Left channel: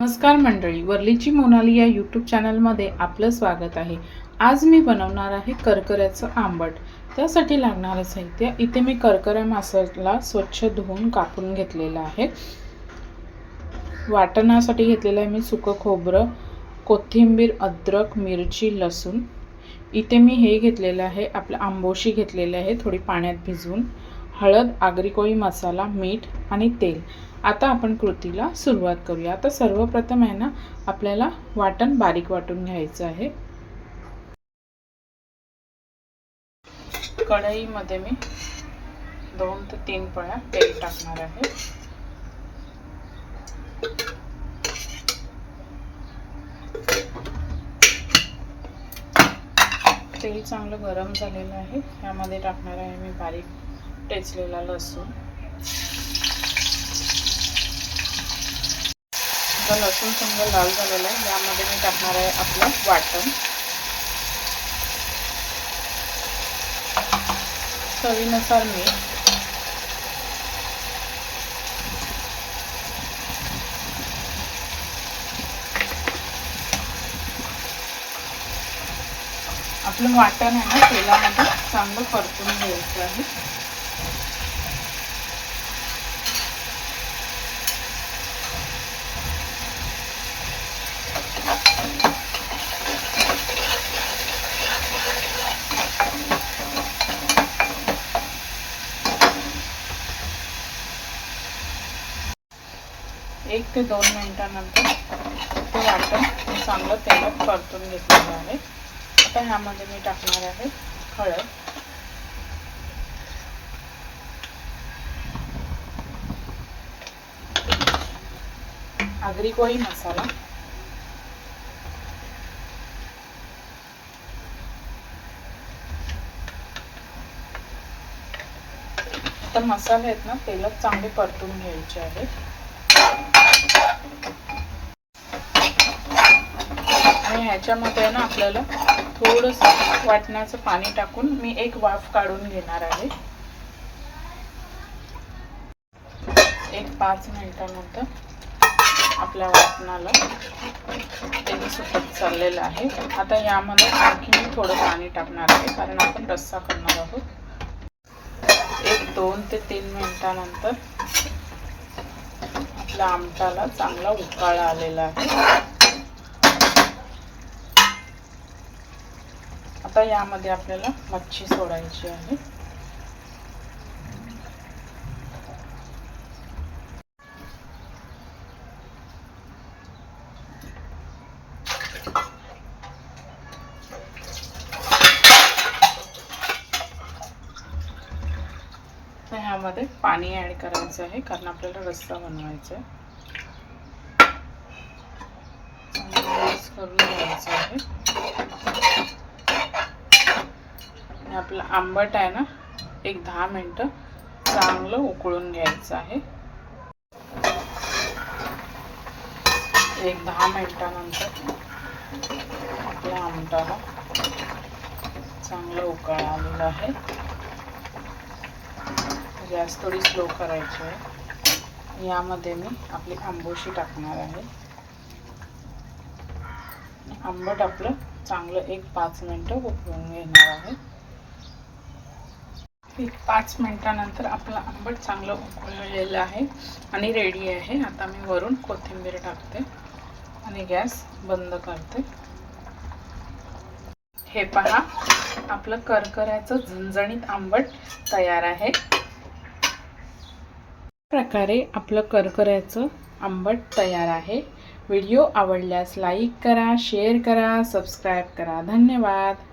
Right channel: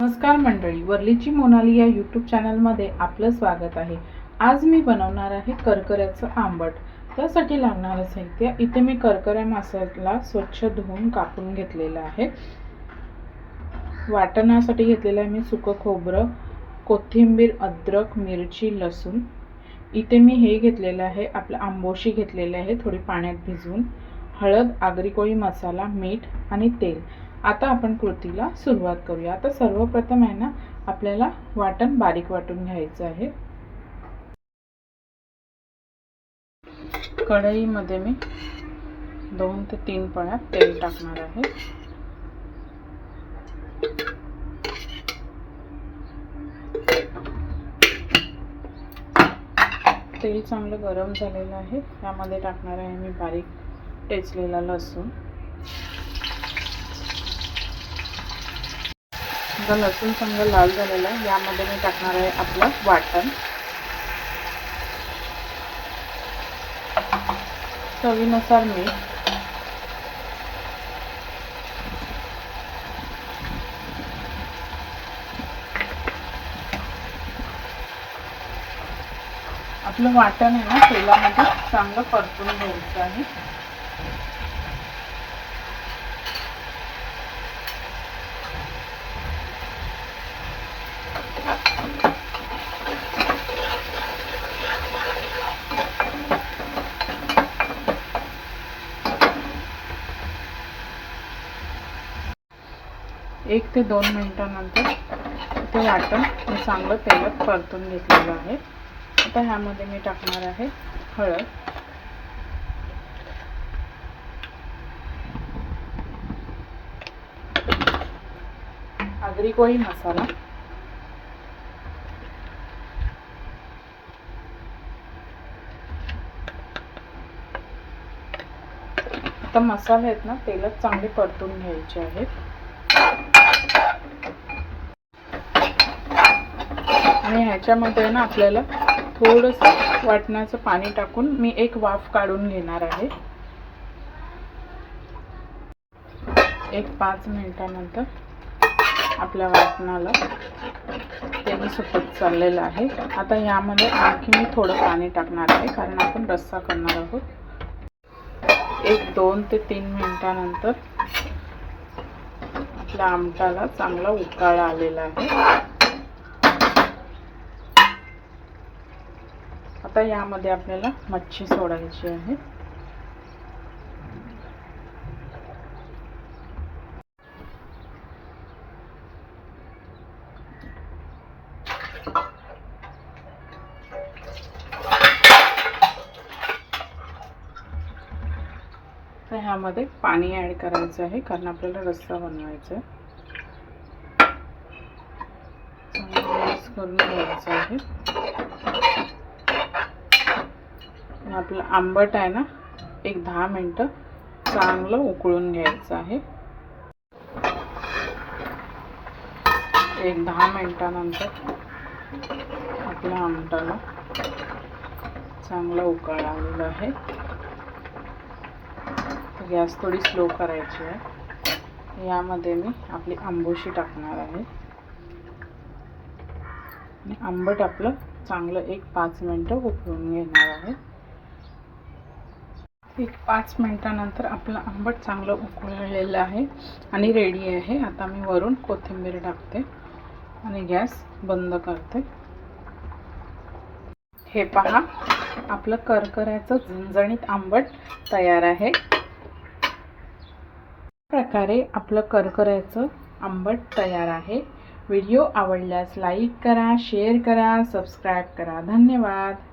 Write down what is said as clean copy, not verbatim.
नमस्कार मंडळी, वर्लीची मोनाली या यूट्यूब चॅनलमध्ये आपलं स्वागत आहे। आज मी बनवणार आहे करकऱ्याचं आंबट। त्यासाठी लागणारं साहित्य इथे मी करकऱ्या माशाला स्वच्छ धुवून कापून घेतलेलं आहे। वाटणासाठी घेतलेलं आहे मी सुकं खोबरं, कोथिंबीर, अद्रक, मिरची, लसूण। इथे मी हे घेतलेलं आहे आपलं आंबोशी घेतलेले आहे थोडी पाण्यात भिजवून, हळद, आगरी कोळी मसाला, मीठ आणि तेल। आता आपण कृतीला सुरुवात करूया। आता सर्वप्रथम आहे ना आपल्याला वाटण बारीक वाटून घ्यायचं आहे। कढईमध्ये मी 2 ते 3 पळ्या तेल टाकणार आहे। तेल चांगलं गरम झालेलं आहे। यामध्ये टाकणार आहे मी बारीक ठेचलेला लसूण। लसूण चांगलं लाल झालेलं आहे, यामध्ये मी टाकणार आहे आपलं वाटण। चवीनुसार मीठ, आपलं वाटण आहे ना तेलामध्ये चांगलं परतून घ्यायचं आहे। एक ते 2 मिनिटांनंतर ते वाटण मी चांगलं तेलात परतून घेतलेलं आहे। आता ह्यामध्ये मी टाकणार आहे हळद, आगरी कोळी मसाला, आता मसाले आहेत ना तेलात चांगले परतून घ्यायचे आहेत। आणि ह्याच्यामध्ये ना आपल्याला थोडंसं वाटणाचं पाणी टाकून मी एक वाफ काढून घेणार आहे। एक 5 मिनिटांनंतर आपल्या वाटणाला तेल सुटत चाललेलं आहे। आता यामध्ये आणखी मी थोडं पाणी टाकणार आहे, कारण आपण रस्सा करणार आहोत। एक 2 ते 3 मिनिटांनंतर आपल्या आमटाला चांगला उकाळा आलेला आहे। आता यामध्ये आपल्याला मच्छी सोडायची आहे। तर ह्यामध्ये पाणी ॲड करायचं आहे, कारण आपल्याला रस्सा बनवायचा आहे। मिक्स करून घ्यायचं आहे। आपलं आंबट आहे ना एक 10 मिनिटं चांगलं उकळून घ्यायचं आहे। एक 10 मिनिटांनंतर आपल्या आमटाला चांगला उकाळा आलेला आहे। गॅस थोडी स्लो करायची आहे। यामध्ये मी आपली आंबोशी टाकणार आहे आणि आंबट आपलं चांगलं एक 5 मिनिटं उकळून घेणार आहे। एक 5 मिनिटांनंतर आपलं आंबट चांगलं उकळलेलं आहे आणि रेडी आहे। आता मी वरून कोथिंबीर टाकते आणि गॅस बंद करते। हे पहा, आपलं करकऱ्याचं झणझणीत आंबट तयार आहे। प्रकारे आपलं करकऱ्याचं आंबट तयार आहे। व्हिडिओ आवडल्यास लाईक करा, शेअर करा, सबस्क्राईब करा। धन्यवाद।